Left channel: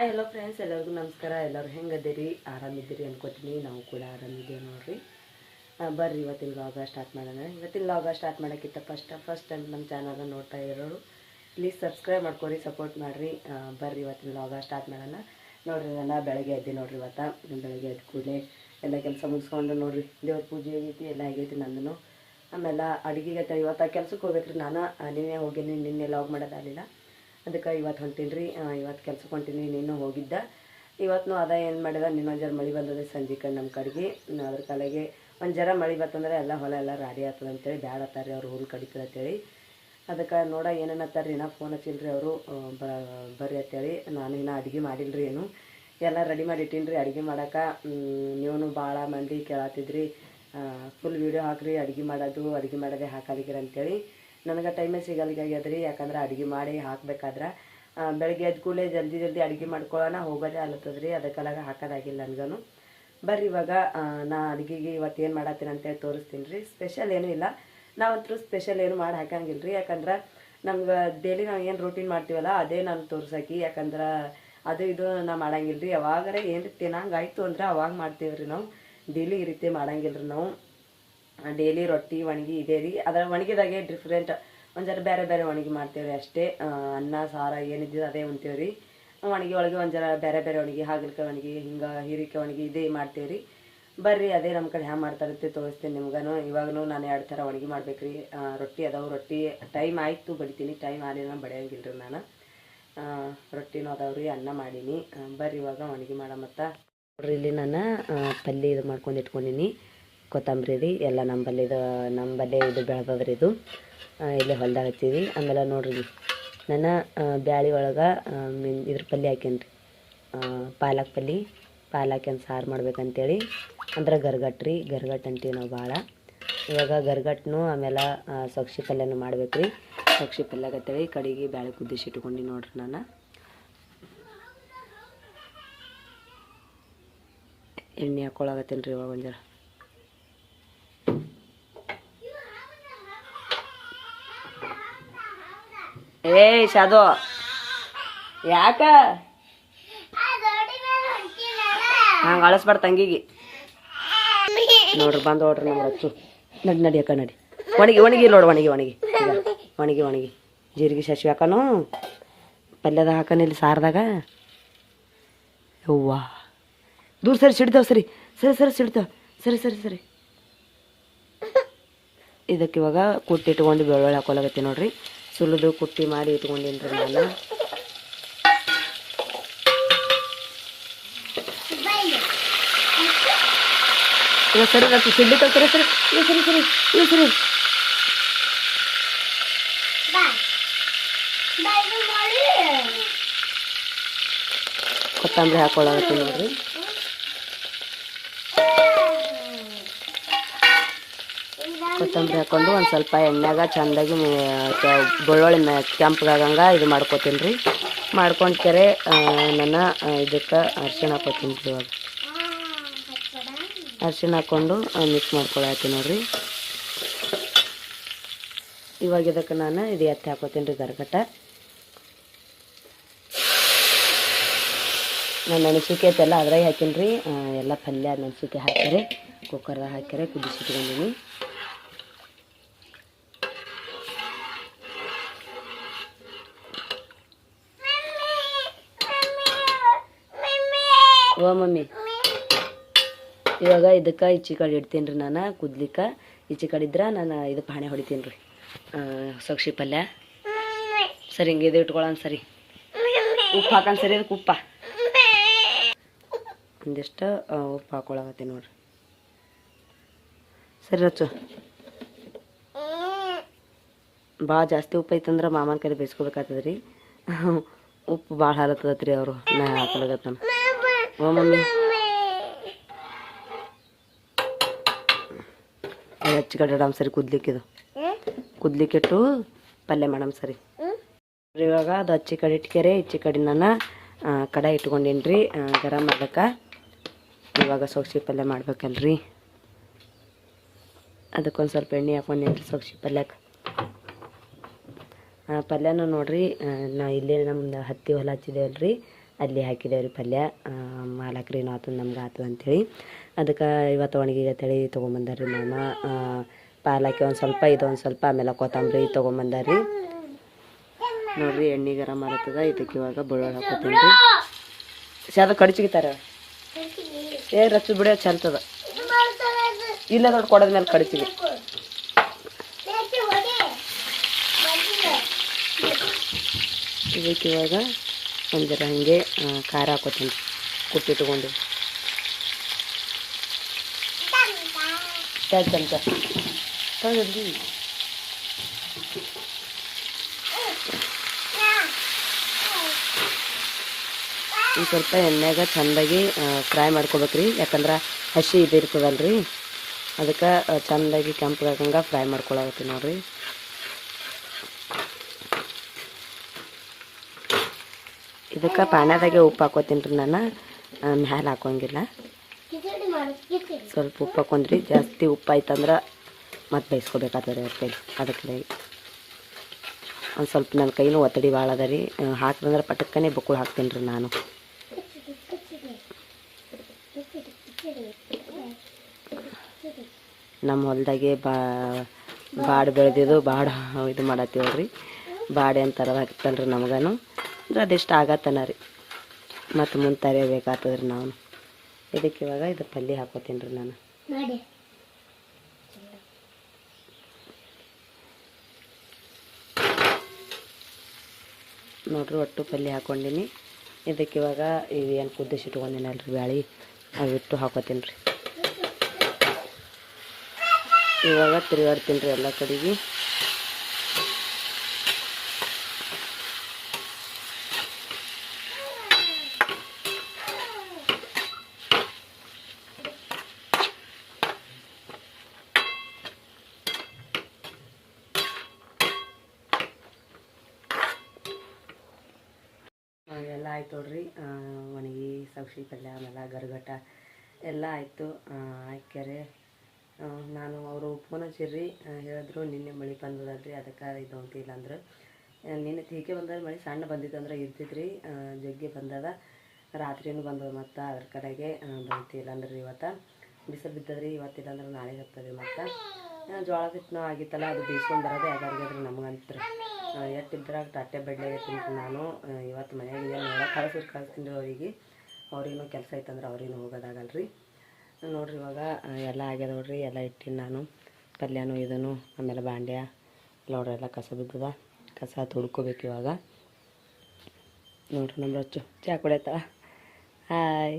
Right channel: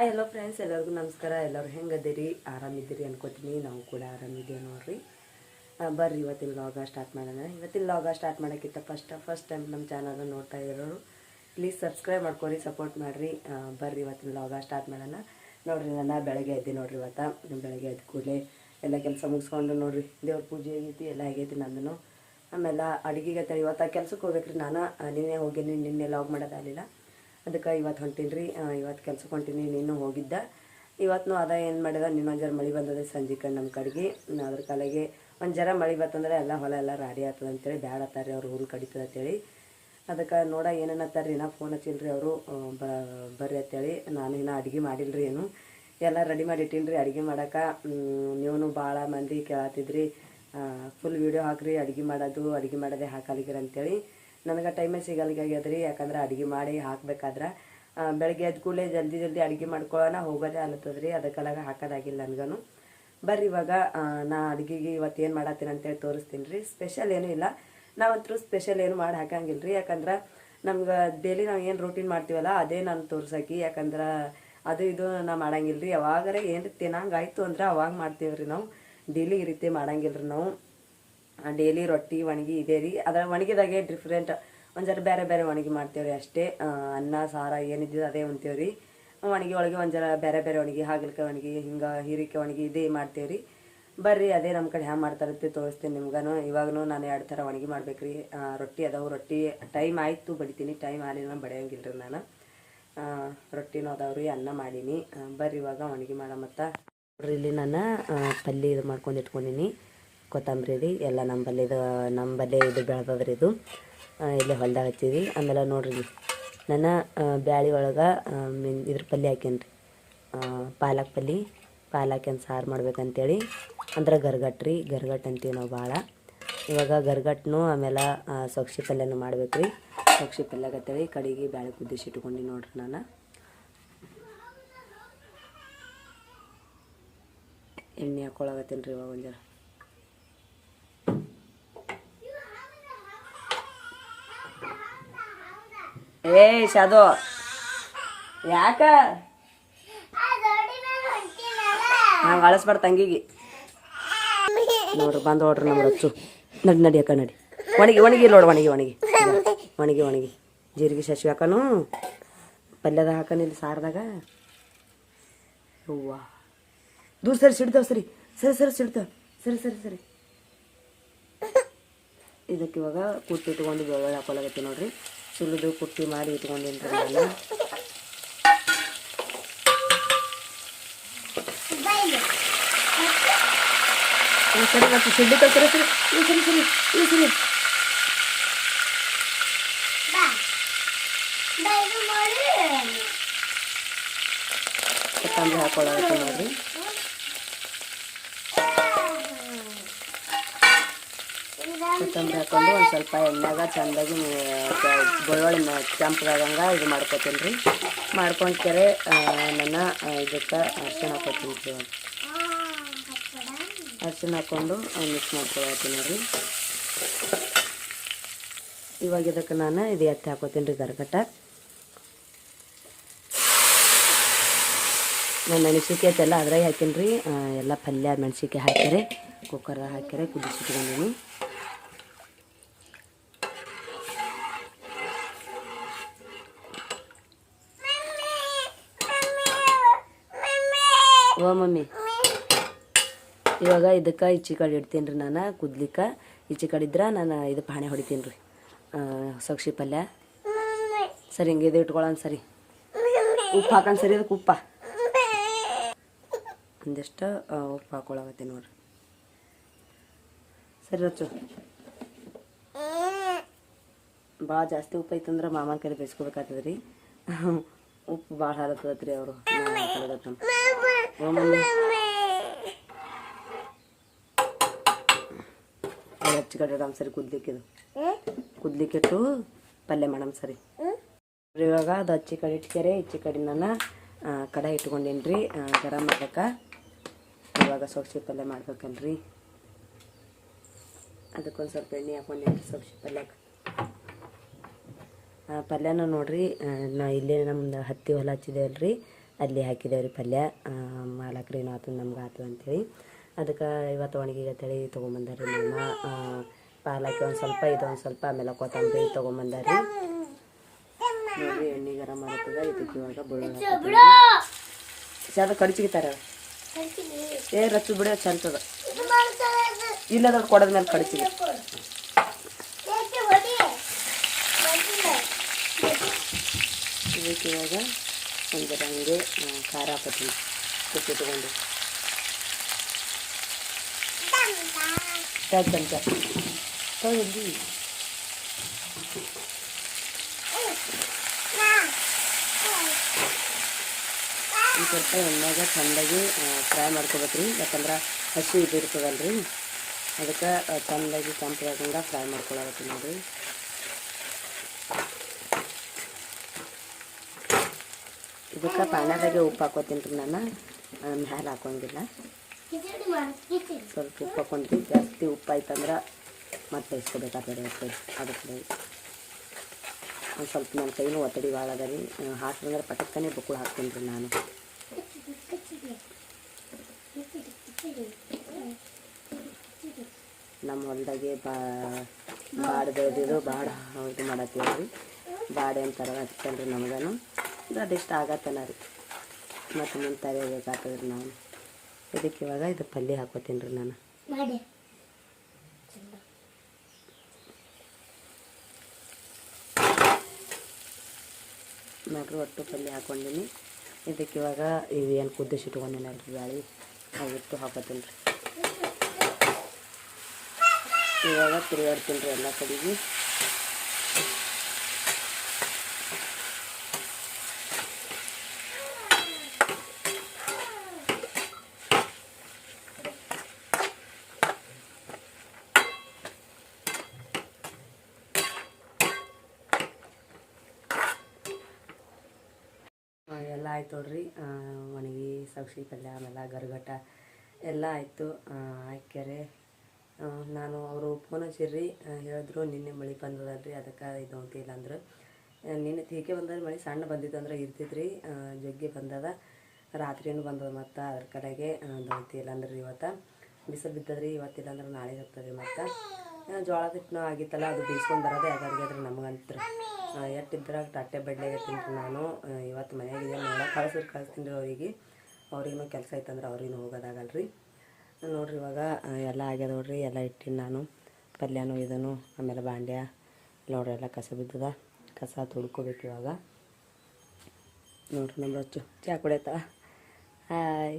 Hello friends, ಎಲ್ಲರಿಗೂ ನಮಸ್ಕಾರ. ಎಲ್ಲರೂ ಹೆಂಗದಿರಿ? ಆರಾಮಿದ್ದೀರಿ ಅನ್ಕೋತೀನಿ. ನಾವು ಕೂಡ ಆರಾಮಿದ್ದೀವಿ ನೋಡ್ರಿ. ಬರ್ರಿ ಇವತ್ತಿನ ಲಾಗ ಸ್ಟಾರ್ಟ್ ಮಾಡೋಣ. ಇವತ್ತಿನ ಲಾಗ ಸ್ಟಾರ್ಟ್ ಮಾಡೋಕ್ಕಿಂತ ಫಸ್ಟ್ ಟೈಮ್ ನಮ್ಮ ಚಾನಲ್ನ ನೋಡ್ತಾ ಇರೋರು ಪ್ಲೀಸ್ ಸಬ್ಸ್ಕ್ರೈಬ್ ಮಾಡ್ಕೊರಿ, ಸಪೋರ್ಟ್ ಮಾಡಿರಿ. ಬರ್ರಿ ಇವತ್ತಿನ ಲಾಗ ಸ್ಟಾರ್ಟ್ ಮಾಡೋಣ. ನೋಡಿರಿ, ನಾನು ಬೆಳಗ್ಗೆ ಎದ್ದೆ ನೋಡ್ರಿ. ಬೆಳಗ್ಗೆ ಎದ್ದು ಕೂಡಲೇ ಎಲ್ಲ ಕೆಲಸ ಮುಗಿಸ್ಕೊಂಡು ನೋಡಿರಿ, ದೇವ್ರ ಪೂಜೆ ಆಗೈತಿ, ಎಲ್ಲ ಆಗೈತಿ ನಂದನು. ಆಮೇಲೆ ಅಡುಗೆಗೆ ಇವತ್ತು ಕೆಲ್ಸಕ್ಕೆ ಹೋಗ್ಬೇಕ್ರಿ. ನಾನು ಹೋಗೀನಿ, ನಿನ್ನೆ ಲಾಗ್ ಮಾಡೋದಾಗಲಿಲ್ಲ. ಅದಕ್ಕೆ ಇವತ್ತು ಹೊಂಟೀನಿ ರೀ. ಇವತ್ತು ಕೆಲ್ಸಕ್ಕೆ ಹೊಂಟೀನಿ. ನೀನು ಹೋಗಿದ್ದ. ಇವತ್ತು ಅದ ಏನು ಮಾಡಿದ, ಇನ್ನೊಂದು ಜರ ಮಳೆ ಬಂದದೆ ಸಂಜೆ ಕಡೆ ನಮ್ಮ ಕಡೆಗೆ. ಅದ್ರ ಕಾಲಾಗೆ ಒಂದು ಜರ ಮಳೆ ಬತ್ತಂದ್ರೆ ಎಲ್ಲ ಹೊಲ ಎಲ್ಲ ರಾಡಿ ಆಗ್ತದೆ ಅಂತೇಳಿ ಬ್ಯಾಡ ಅತ್ತಾರ್ರಿ, ಅವ್ರು ಹುಲ್ ಕಡಿತದೆ ಅಂತೇಳಿ. ಅದಕ್ಕೆ ನೋಡ ಏನೇನತ್ತಾರ್ರಿ, ನಾ ಫೋನ್ ಹಚ್ಚಿಲ್ರಿ ಅವರು ಬರ್ರಿ ಅಂತೇಳಿ. ನಾನು ಇನ್ನೂ ಅಡುಗೆ ಮಾಡಿಲ್ರಿ, ಏನು ಎಲ್ಲ ರೆಡಿ ಮಾಡಿ ಇಟ್ಟೀನಿ ರೀ ಅಡುಗೆ ಮಾಡೋಕೆ. ನೀವು ಭಾಳ ಮಂದಿ ಕೇಳತ್ತಿದ್ರಿ ಫುಲ್ ವೀಡಿಯೋ ಹಾಕ್ರಿ ಅಡುಗೆ ಮಾಡೋದೇ ಹಾಕಲಿಕ್ಕಿರ ಅಂತೇಳಿ. ನನಗೆ ಟೈಮೇ ಸಿಗಲ್ಗಾಗ್ಯದ್ರಿ. ಯಾಕಂದ್ರೆ ಅಡುಗೆ ಮಾಡಿ ಹಾಕ್ಬೇಕಾದ್ರೆ ಬೆಳಗ್ಗೆ ಎದ್ದು ಕೂಡಲೇ ಜಲ್ದಿ ಅಡುಗೆ ಮಾಡ್ಕೊಳ್ಳೋಣ ಹೋಗೋದೇ ಅಲ್ಲತ್ತದ್ರಿ. ಅದಕ್ಕೆಲ್ಲ ಹಾಕೋದಾಗಿಲ್ಲ ನನಗೂ. ಬರ್ರಿ ಇವಾಗ ನಾ ಅಡುಗೆಗೆ ಇವತ್ತು ಏನು ಮಾಡತ್ತೀನಿ ಅಂತೇಳಿ ತೋರಿಸ್ತೀನಿ ರೀ. ಸ್ಪೆಷಲ್ ಏನೂ ಇಲ್ಲ, ನಾವಂತರೂ ಸ್ಪೆಷಲ್ ಏನು ಮಾಡಿ ಹಾಕಂಗಿಲ್ಲ ರೀ. ಯಾಕಂದ್ರೆ ನಮ್ಗೆ ಡೈಲಿ ನಾವು ಏನು ರೂಟೀನ್ ಮಾಡ್ತೀವಲ್ಲ ಅದೇ ನಾನು ತೋರ್ಸೋಕೆ. ಯಾಕಂದ್ರೆ ಅದು ಇದು ನಾ ಮಾಡಂಗಿಲ್ಲ ರೀ. ಯಾವಾಗಾರ ಏನು ತಿನ್ನಂಗಾಯ್ತು ಅಂದ್ರೆ ಅವಾಗ ಮಾಡ್ತೀವಿ ರೀ. ನಾವು ಡೈಲಿ ಈ ರೀತಿ ಮಾಡಂಗಿಲ್ಲ ರೀ. ನಾವು ಡೈಲಿ ರೊಟ್ಟಿ ಒಣಗಿ ಇದೆ ರೀ. ಅದರ ಒಣಗಿದಾಗೆ ಡಿಫ್ರೆಂಟ್ ಒಂದು ಜರ ಬೇರೆ ಒಣಗಿ ಮಾಡ್ತೇವೆ ಅಷ್ಟೇ. ಅನ್ನ ಸಾರ ಏನಿದ್ದು ಅದೇ ಉಣ್ತೇವೆ ರೀ. ಒಣಗಿ ಒಳಗೆ ಒಂದು ಜರ ಬೇರೆ ಒಣಗಿ, ಹಾಗಲಕಾಯಿ ಒಣಗಿ, ಹಿಂಗೆ ಹೀರೆಕಾಯಿ ಒಣಗಿ ಇದೇ ಮಾಡ್ತೇವೆ ರೀ. ಬರ್ರಿ ಅದೇ ನಮ್ಮ ಕಡೆ ಹ್ಯಾಂಗೆ ಮಾಡ್ತಾರಂತೆ ತೋರಿಸ್ತೀನಿ ನಿಮ್ಗೂ. ಇವಾಗೂ ನಾನು 2 ಥರ ಒಣಗಿ ಮಾಡ್ಬೇಕು ರೀ. ರೊಟ್ಟಿ ಅದಾವೆ. ರೊಟ್ಟಿ ಟೈಮ್ ಆಯಿತು ಬಡಿತೀನಿ, ಟೈಮ್ ಆಗಲಿಲ್ಲ ಬಡಿಯಂಗಿಲ್ಲ ರೀ ನಾನು. ರೊಟ್ಟಿನೂ ಅದಾವ್ರಿ, ಅನ್ನ ಮಾಡೀನಿ. ಬರ್ರಿ ಇವಾಗ ಒಣಗಿ ಮತ್ತು ನೋಡ್ರಿ, ಇಲ್ಲಿ ನಾನು ಪಲ್ಯ ಇದು ಮಾಡ್ಕೊಂಡು ಇಟ್ಕೊಂಡೀನಿ. ಕೊತ್ತಂಬರಿ ರೀ, ಎಲ್ಲ ನಮ್ಮಲ್ಲೇ ಇದು ಬೆಳೆದದ್ರಿ. ಇದು ಇಲ್ಲೇ ಹೊಲ್ದಾಗ ಹಚ್ಚಿದ್ವಿ. ಆಮೇಲೆ ನೋಡ್ರಿ, ನಾನು ಬ್ಯಾಳಿ ಒಳಗೆ ಇದ್ರ ಪಲ್ಯ ಹಾಕೇನಿ ರೀ, ಪಾಲಕ್ ಹಾಕ್ಯಂದು ಸಾರು ಮಾಡ್ಬೇಕಂತೇಳಿ. ಅಂದ್ರೆ ಗರ್ಗಟ್ಟು ಅಂತೀವಿ ನಾವು ಭಾಳ. ಇವಾಗ ಗರ್ಗಟ್ಟನು ಆಮೇಲೆ ಸೊಗ್ಸಿ ಪಲ್ಯನೂ ಮಾಡ್ಬೇಕು ರೀ. ಸೊಗ್ಸಿ ಪಲ್ಯಗತ್ತೇಳಿ ಕಡೆಗೆ ಬ್ಯಾಳಿ ಕುದಿಸಿ ಇಟ್ಕೊಂಡು ನೋಡ್ರಿ. ನಾನು ಎಣ್ಣೆ ಹಾಕ್ಕೊಳಗತ್ತೇನೆ ರೀ ಇವಾಗ ಒಂದು ಜರ. ಶಾದು ಯಾಕ ಹಂಗೆ ಅಳಿಸ್ಬಾರ್ದು ತಂಗಿಗೆ. ನೋಡ್ರಿ ಬಂದು ನೋಡ್ರಿ ನಮ್ಮ ರಚ್ಚು. ನಡಿ ಅಕ್ಕ ನಡಿ. ಒಣಗಿ ನೋಡು, ಒಣಗಿ ಜೀರಿಗೆ ಸಾಸಿವೆ ಹಾಕನು ಪಲ್ಯದಾಗ ಹಾಕನು. ಇಲ್ಲಿ ಸಾರದಾಗ ಹೂವ ದೂರ ಸಿಡ್ತಾವ. ಸರಿ ಇದಕ್ಕೆ ಇವಾಗ ಕುಟ್ಟಿ ಇಟ್ಕೊಂಡು ಬೆಳ್ಳುಳ್ಳಿ ಹಾಕೊಳಗತ್ತಿ ನೋಡ್ರಿ. ಸುಲಿದು ಕುಟ್ಟಿ ಮಾಡಿ ಇಟ್ಕೊಂಡಿನಿ ರೀ ನಾನು. ಸರಿ ಮತ್ತೆ ಸುಡ್ಲಿಕ್ಕೆ ಸರಿ ಕೊತ್ತಂಬರಿ ಹಾಕೊಳ್ಳಾಗತ್ತೆ ನೋಡ್ರಿ. ಕೊತ್ತಂಬರಿ ಹಾಕ್ಕೊಂಡು ಒಂದು ಸ್ವಲ್ಪ ಎಣ್ಣೆಗ ಚೆಂದಾಗಿ ಬೆಳ್ಳುಳ್ಳಿ ಕೆಂಪಗಾಗಂಗೆ ಇದು ಮಾಡ್ಕೊತೀನಿ ರೀ. ಮಾಡ್ಕೊಂಡು ಕೆರೆ ನಾನು ಇದಕ್ಕೆ ಅರಿಶಿಣ ಹಾಕೋತೀನಿ ರೀ. ಇವಾಗ ಅರಿಶಿಣ ಹಾಕ್ಕೊಂಡು ಮಿಕ್ಸ್ ಮಾಡ್ಕೊಳತ್ತೀನಿ ನೋಡ್ರಿ. ಇವಾಗ ಇದಕ್ಕೆ ನಾನು ಇದು ಎತ್ತಿ ಹಾಕೋತೀನಿ ರೀ ಗರ್ಗಟ್ಟ. ನಾನು ಮೆಣಸಿನ್ಕಾಯಿ ಐತೆಲ್ಲ ಅದ್ರಾಗ ಹಾಕೀನಿ ರೀ. ಎಲ್ಲ ಪಲ್ಯ ಮೆಣಸಿನ್ಕಾಯಿ ಹಾಕ್ಯಾರೆ ಕುಕ್ಕರ್ದಾಗ ಹಾಕ್ಯಾರೆ ಕುದಿಸಿಟ್ಕೊಂಡಿನಿ. ಓ ಮಮ್ಮಿ, ಇವಾಗ ಇದಕ್ಕೆ ಈಚೆ ಕಡೆ ಇಡ್ತೀನಿ ರೀ ನಾನು ಕುದ್ಲಿಕ್ಕೆ. ಈಚೆ ಕಡೆ ಇದ್ರೆ ನಾನು ಇದು ಪಾಣೆ ಹೊಡಿತೀನಿ ರೀ ಸೊಗ್ಸಿ ಪಲ್ಯ. ಸರಿ ಹಿಂಗೆ ಇದು ಇಟ್ಕೊಳ್ಳೋಣ. ಸರಿ ಉಪ್ಪು ಹಾಕೊಂಡು ಸರಿ ಅದಕ್ಕೆ ಉಪ್ಪ ಒಂದಿಷ್ಟು ಉಪ್ಪು ಹಾಕೊಳಗತ್ತೀನಿ ನೋಡ್ರಿ. ಸರಿ ರಚ್ಚು, ಭಾಳ ಜಾಸ್ತಿ ಉಪ್ಪು ಐತಂದ್ರೆ ಮಾಮನ ಕಡೆ ಬೇಯಿಸ್ಕೋಬೇಕಾಗ್ತದೆ ರೀ. ಉಪ್ಪು ಭಾಳ ಹಾಲತ್ತದತ್ರಿ ಅವರು. ನಾ ಹಾಕೊಳಗತ್ತಾನ. ಓ ಮಮ್ಮಿ ಹೆಚ್ಚು ಕಡೆ ಇಡಮ್ ಸರಿ. ಕುದ್ಲಿಕ್ಕಿಟ್ಟು ಪಲ್ಯ ಮಾಡಮ್ ಸರಿ. ಇವಾಗ ಅದು ಹಚ್ಚಿ ಕಡೆ ಇಟ್ಕೆರೆ ಈಚೆ ಕಡೆ ನಾನು ಕಡೆ ಇಟ್ಕೊಂಡೀನಿ ರೀ ಗರಂ ಮಾಡೋಕೆ. ಇವಾಗ ಸೊಗ್ಸಿ ಪಲ್ಯ ಮಾಡ್ಬೇಕಲ್ರಿ, ಅದಕ್ಕೊಂದು ಸ್ವಲ್ಪ ಎಣ್ಣೆ ಹಾಕೊಂಡೀನಿ ರೀ ಸೊಗ್ಸಿ ಪಲ್ಯಕ್ಕೆ. ಪಲ್ಯನೂ ನೋಡ್ರಿ ನಾ ಇಲ್ಲೇ ನಮ್ದು ಹತ್ತಿ ಹೊಲ ಹಚ್ಚಿದೇವಲ್ರಿ ಅಲ್ಲಿ ಹಾಕಿದೇವ್ರಿ ಪಲ್ಯ. ಮಾಲಕ್ರೇನು ಆತು ನಮ್ಗೆ ಆತು ಅಂಥೇಳಿ ಅದಕ್ಕೆ ಇವತ್ತು ಒಣಗಿಗೆ ಅಂತೇಳಿ ತೊಗೊಂಬಂದಾರ್ರಿ ಮಾಮ. ಪಾಲಕ್ಕೆ ಒಂದು ಸ್ವಲ್ಪ ಇದೊಂದು ಸ್ವಲ್ಪ ಆಮೇಲೆ ಕೊತ್ತಂಬರಿ ತೊಗೊಂಬಂದಾರ್ರಿ. ನೋಡ್ರಿ ಎಣ್ಣೆ ಗರಂ ಮಾಡತ್ತದ. ಇದಕ್ಕೆ ಇವಾಗ ಬೆಳ್ಳುಳ್ಳಿ ಹಾಕೋತೀನಿ. ಅದು ಕಡಿಚಿಗಿತಾರ ರಚ್ಚು ಬಿಡ ಚಂತದ ಇಲ್ಲ ದೊಡ್ಡ ಕೊಡದ ಮೇಲೆ ಕಡಿಚಿಗೆ. ಇದಕ್ಕೆ ಇವಾಗ ಒಂದು ಜರ ಹಾಗೆ ಖಾರ ಹಾಕೋತೀನಿ ಕುಟ್ಟಿಟ್ಕೊಂಡು. ಚಮಚ ತಗೊಂಡು ಒಂದು ಸ್ವಲ್ಪ ಎಣ್ಣೆಗೆ ಚೆಂದಾಗಿ ಫ್ರೈ ಮಾಡ್ಕೋಬೇಕ್ರಿ. ಯಾಕಂದ್ರೆ ಹಸಿ ಇದು ಇರ್ತದಲ್ರಿ, ಅದಕ್ಕೆ ಚೆಂದಾಗಿ ಕೆಂಪಾಗಂಗೆ ಫ್ರೈ ಮಾಡ್ಕೊಳತ್ತೀನಿ ನೋಡ್ರಿ. ಇದಕ್ಕೆ ಪಾನ್ಯದಾಗೆ ಉಪ್ಪು ಹಾಕೋತೀನಿ ರೀ ನಾನು, ಮ್ಯಾಲೆ ಹಾಕೋಂಗಿಲ್ಲ. ಸ್ವಲ್ಪ ಉಪ್ಪು ಹಾಕೊಂಡ್ರಿ. ಜಾಸ್ತಿ ಉಪ್ಪು ಆಯ್ತಂದ್ರೆ ಮತ್ತೆ ಬೇಯಿಸ್ಕೋಬೇಕಾಗ್ತದೆ ಅದಕ್ಕೆ ಒಂದು ಸ್ವಲ್ಪ ನನ್ನ ಕೈನೂ ಒತ್ತಡಿ ಭಾಳ ಅದ ರೀ. ಹಾಕಿದ್ರೆ ಪಟಕ್ಕನೆ ಬಕ್ಕುಳು ಹಾಕ್ತೀನಿ ರೀ ನಾನು. ನಮ್ಮ ಹೊಲದಾಗೆ ಬಾಡು ಬೆಳೆದಿದ್ದು ಬಾಡು ಇದು ಮಾಡತ್ತೀವಲ್ರಿ. ಬಾಡೆ ಅಂತಾರ ಹಾಕ್ತಲ್ರಿ ನಮಗನು. ಅದಿಷ್ಟು ಆಗತ್ತನ ರೀ, ಮತ್ತು ಮುಂದೆ ತರಿಬೇಕಾಗ್ತದ್ರಿ ನಾವು. ಇದಕ್ಕೆ ಇವಾಗ ಇದು ಪಲ್ಯ ಹಾಕೋತೀನಿ ರೀ ನಾನು. ನೋಡ್ರಿ ಒಟ್ಟು ಪಲ್ಯ ಹಾಕ್ಕೊಂಡಿನಿ. ಇದಕ್ಕೆ ಇವಾಗ ಇವೇನು ಕುದಿಸಿಟ್ಕೊಂಡಿನಲ್ರಿ ಬ್ಯಾಳಿ ಅವಿಟ್ಟು ಹಾಕೋತೀನಿ ರೀ. ಇವಾಗ ತಿರುಗಾಡ್ತೀನಿ ರೀ ಎಲ್ಲ ಕಡೆಗೆ. ಎಲ್ಲ ಆಯ್ತು ನೋಡ್ರಿ. ಒಣಗಿ ಸಬ್ಸಿ ಪಲ್ಯ ಆಮೇಲೆ ಗರಗಟ್ಟ ಎಲ್ಲ ಆಯಿತು. ಹಾಕ್ಯಾರೆ ನಾನು ಅವರು ಫೋನ್ ಹಚ್ಚಿರ್ರಿ, ಹೇಳಿದ್ರು ನಿನ್ನೆ ಮಳೆ ಬಂದದಲ್ರಿ ಅದಕ್ಕೆ ಇದು ಅಂತಿಲ್ಲ ಅಂದ್ರೆ. ನಿನ್ನೆ ತೀಕೆ ಬಂದ್ರೆ ಮಳೆ ಸಣ್ಣ ಬಂದಿತ್ತು ಅಂದ್ರೆ ಇರ್ತಿದ್ರಿ, ಜಗ್ಗಿ ಬಂದದ. ರಾತ್ರಿನೂ ಬಂದದ ಮತ್ತು ಅದ್ರ ಕಡೆಗೆ ದೊಂತಿಲ್ಲ ಅಂದ್ರೆ ಇವತ್ತು ಬಿಸಿಲು ಬಿದ್ದದ್ರಿ. ಇವತ್ತಿಲ್ಲ ಅಂದ್ರೆ ನಾಳೆ ಹತ್ತದ್ರಿ. ಮತ್ತು ಜೋಳದ ಹಿಟ್ಟನೂ ಆಗಿತ್ತಲ್ಲ, ಅದು ಬೀಸ್ಕೊಂಡು ಬರೋದೇ ಯಾವ್ದಾರಿಗಾದ್ರೆ ನಮಗಂತ್ರ ಎಟ್ಟಿದ್ರಾಗ ತಟ್ಟೆ ಬಡ್ಲೆ ತಿಂತೀನಿ ನಾನು. ಇವತ್ತು ಮನೆಯಾಗ ಏನು ನೋಡೋಕೆ ಕಳಿಸ್ತೀನಿ ರೀ ಅವರಿಗೆ. ಅವ್ರಿಗೂ ಕೆಲಸ ಐತಂದ್ರೆ ಅವ್ರಿಗೂ ಹೋಗೋದಾಗಲ್ರಿ. ನೋಡ್ರಿ ಇವಾಗ ಎಲ್ಲ ಆಗ್ಯದ ನೋಡ್ರಿ. ಎಲ್ಲ ಇಟ್ಟಿನಿ ನಾನು ಪಲ್ಯನೂ ಇದನ್ನು. ಆಮೇಲೆ ಬಾಂಡ್ಯ ನೋಡ್ರಿ ಎಲ್ಲ ಕಸ ಬಿದ್ದದ, ಕಸ ತೊಳ್ಕೊಬೇಕು ಇವಾಗ. ನೋಡ್ರಿ ನಮ್ಮ ರೊಚ್ಚು ಚಹಾ ಕುಡಿಯತ್ತ. ಹಾಯ್,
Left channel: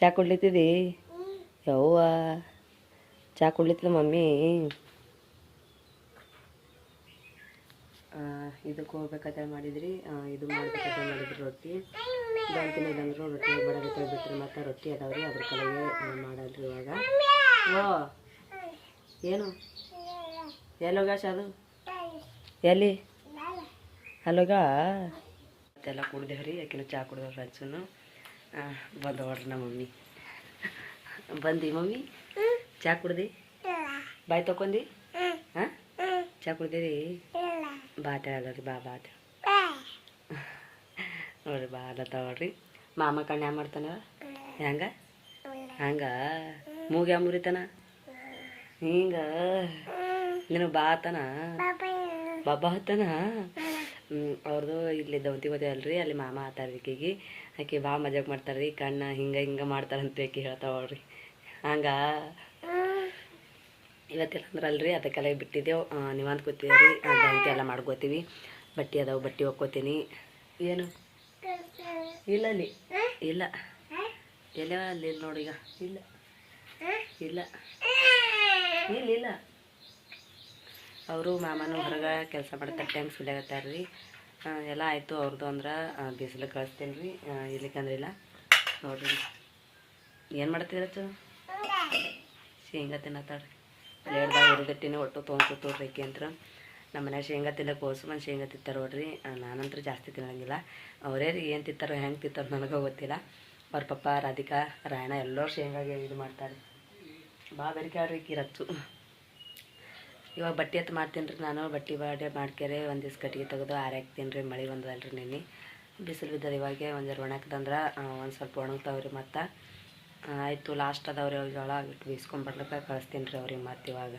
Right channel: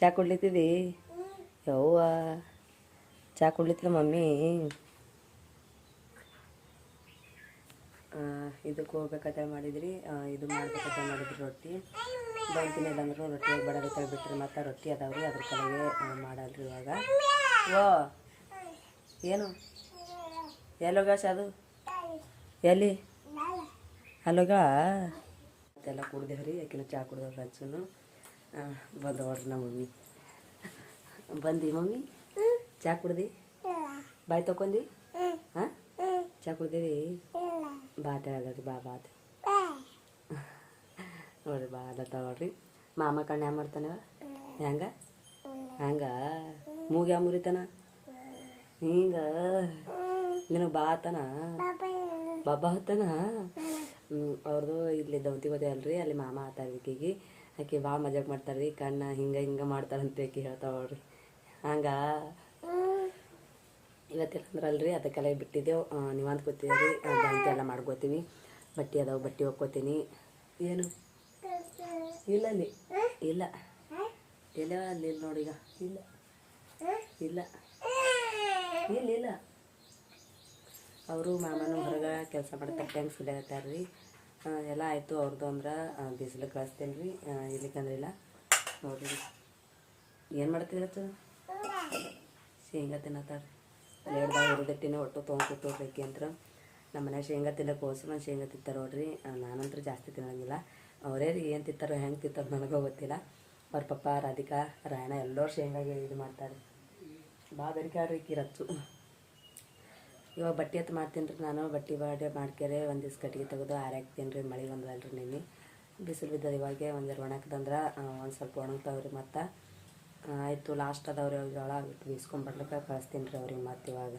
ಚಹಾ ಕುಡ್ಲಿತ್ತಿದಿ? ಯವ್ವ ಚಹಾ ಕುಡ್ಲಿತ್ತಿದ ಮಮ್ಮಿ. ಇದಕ್ಕೆ ಹೋಗ್ಬೇಕಂತ ಮಾಡಿದ್ರಿ, ಇದು ಮಾಡ್ಬೇಕಂತ ಮಾಡಿದ್ರಿ. ರೊಟ್ಟಿ ಬಂತಿನ ಇಲ್ಲಾಂದ್ರೂ ರೊಟ್ಟಿ ಬಡಗೆ ತೆಗೆದ್ಬಿಟ್ರಿ. ಮತ್ತು ರೊಟ್ಟಿ ಅದಾವ್ರಿ, ಅದ್ರ ಕಡೆಗೆ ಮಾಡಲ್ರಿ ಇವಾಗ. ಓ ಏನು ಎಲ್ಲೋಗಾಶ ಅದು ಎಲ್ಲಿ ಅಲ್ಲೋಗ ಮತ್ತೆಲ್ಲ ಕುಡ್ದೇವ್ರಿ. ಯಾಕಿನ ಚಹಾ ಕುಡ್ದವ್ರಿ. ಹಚ್ಚುನು ಬಂದು ನೋಡ್ರಿ ನಮ್ಮ ಮಮ್ಮಿ. ಬಂದಿ ಮಮ್ಮಿ ಚಹಾ ಕುಡ್ದು ಬಾಯ್ ತೊಕೊಂಡಿ? ಹಾಂ ಚಹಾ ಕುಡ್ದಿರಿ? ಬಾತ ಹೇಳರಿ ಬಾತ ನೋಡ್ರಿ ಬಾಲ ತಗೊಳ್ರಿ. ಮಾಮ ಕಣ್ಣು ಯಾವ ಮಾಡ್ತಾನ ಹೆಂಗ ಹಂಗೆ ಮೂಗ ಯಾವ ಮುರಿತಾನ ಹಿಂಗೆ ನಿನಗೆ ಬಾತನ ಬಾಬಾ ಹತ್ತಾನ. ಅವ್ರದ್ದು ಇಲ್ಲಿ ದೌತಿ ಮದುವೆ ಅಲ್ರಿ, ಅಲ್ಲಿ ಮಾಮ ಆತಾರ ಈಕಿಗೆ. ಆಕೆ ಭಾಳ ಮಜಾಕ್ ಮಾಡ್ತಾರೆ ರೀ. ಕಣ್ಣ ಹಿಂಗೆ ಮಾಡ್ತಾರಂತ ಆಕೆ ಹೇಳ್ತಾವ್ರಿ. ಹಂಗೆ ಇವತ್ತೆಲ್ಲ ಅಂದ್ರಲ್ರಿ ಅದಕ್ಕೆಲ್ಲ ಬಿಟ್ಟಿದ್ದೆವು. ನೀವು ಅಂದ್ಕೋತೀವಿ ರೀ ದೌತಿ ಎಲ್ಲ ಮಾಡ್ಕೋತೀವಿ. ಬಟ್ಟೆ ಅದಾವೆ, ಬಟ್ಟೆ ಒಕ್ಕೋತೀನಿ. ಏನು ಇಲ್ಲ ಅಲ್ಲಿ ಇಲ್ಲ ಎಲ್ಲ ಅಲ್ಲಿ ನೋಡಿ ಈಗ ಇಲ್ಲ ಇಲ್ಲ ಇಲ್ಲ ಇಲ್ಲ. ಅವರು ಮಾಮನ ಹೊರಗೆ ಕೆಲಸ ಮಾಡ್ತಾರೆ, ಟೈಮ್ ಸುಲಿಯಾಗತ್ತಾರ್ರಿ. ಎಲ್ಲ ಆಯಿತು ಅವ್ರದ್ದು ಅಂದ್ರೆ ಬಿಸಿಲು ಕಳಿಸ್ತೇನೆ ರೀ. ಇಲ್ಲಿಕಂದ್ರೆ ಇಲ್ಲ ನೋಡ್ರಿ. ಏನು ಮಾಡ್ತಿರತ್ತು? ಶೇಂಗಾ ತಿನ್ನತ್ತಾಳ್ರಿ. ಪ್ಲೇಟ್ದಾಗ ಹುರಿದಿಟ್ಟಿನಿ ಒಟ್ಟು ತೊಗೊಂಡ್ಕೊತೋಡ್ರಿ ಆಕೆ ಅಂತ. ನಮ್ಮ ಮನ್ಯಾಗ ಶೇಂಗಾ ತಿನ್ನಕ್ಕೆ ಹೋಸ್ಮಂದು ಶೇಂಗಾ ತಿಂತಾರೆ ನೋಡ್ರಿ. ನಾನಂತೂ ಜಾಸ್ತಿ ತಿನ್ನೋಂಗಿಲ್ಲ. ಅವರೇ ಏನು ತಿಂತಾರೋ ಹೆಂಗೆ ತಿಂತಾರೋ ನನಗೆ ಗೊತ್ತಿಲ್ಲ. ಅವ್ರ ಪಪ್ಪ ರಾಧಿಕಾ ರಾಯಣ ಎಲ್ಲರೂ ಶೇಂಗಾಗೆ ಇದು ಮಾಡ್ತಾರೆ. ಭಾಳ ಬೆರಿಕೆ ಆಡ್ರಿ ಈಕಿ ರಚ್ಚು. ಇವಾಗ ಬಟ್ಟೆ ಎತ್ತು ಮಾಡ್ತೀನಿ ರೀ ನಾನು. ಬಟ್ಟೆ ಬಾಡೆ ಮಾಡ್ಕ್ಯಾರೆ ಒಂದು ದಿವ್ಸ ಕಟ್ಟಿಗೆ ತೆಗೆದು ಆರಾಕ್ತೀನಿ ರೀ. ಮಳೆ ಬಂದದಲ್ರಿ ನಿನ್ನೆ ಬಿಸಿಲು ಬಿದ್ದದ ಇವಾಗೆ ಒಂದು ಜರ ಒಣಗ್ದಂದ್ರೆ ಒಂದು ಸ್ವಲ್ಪ ಒಣಗ್ತಾವ್ರಿ. ಮತ್ತು ಆಯಿತು ಲಾಸ್ಟ್ ಅದಾವ್ರಿ ಅವ್ರಿಗೆ ಜೋಳ ಬಿಟ್ಟು ಬೀಸ್ಕೊಂಬರ್ಲಿಕ್ಕೆ ಕಳಿಸ್ತೀನಿ ರೀ ಅವ್ರಿಗೆ ಮತ್ತು ಇವಾಗ.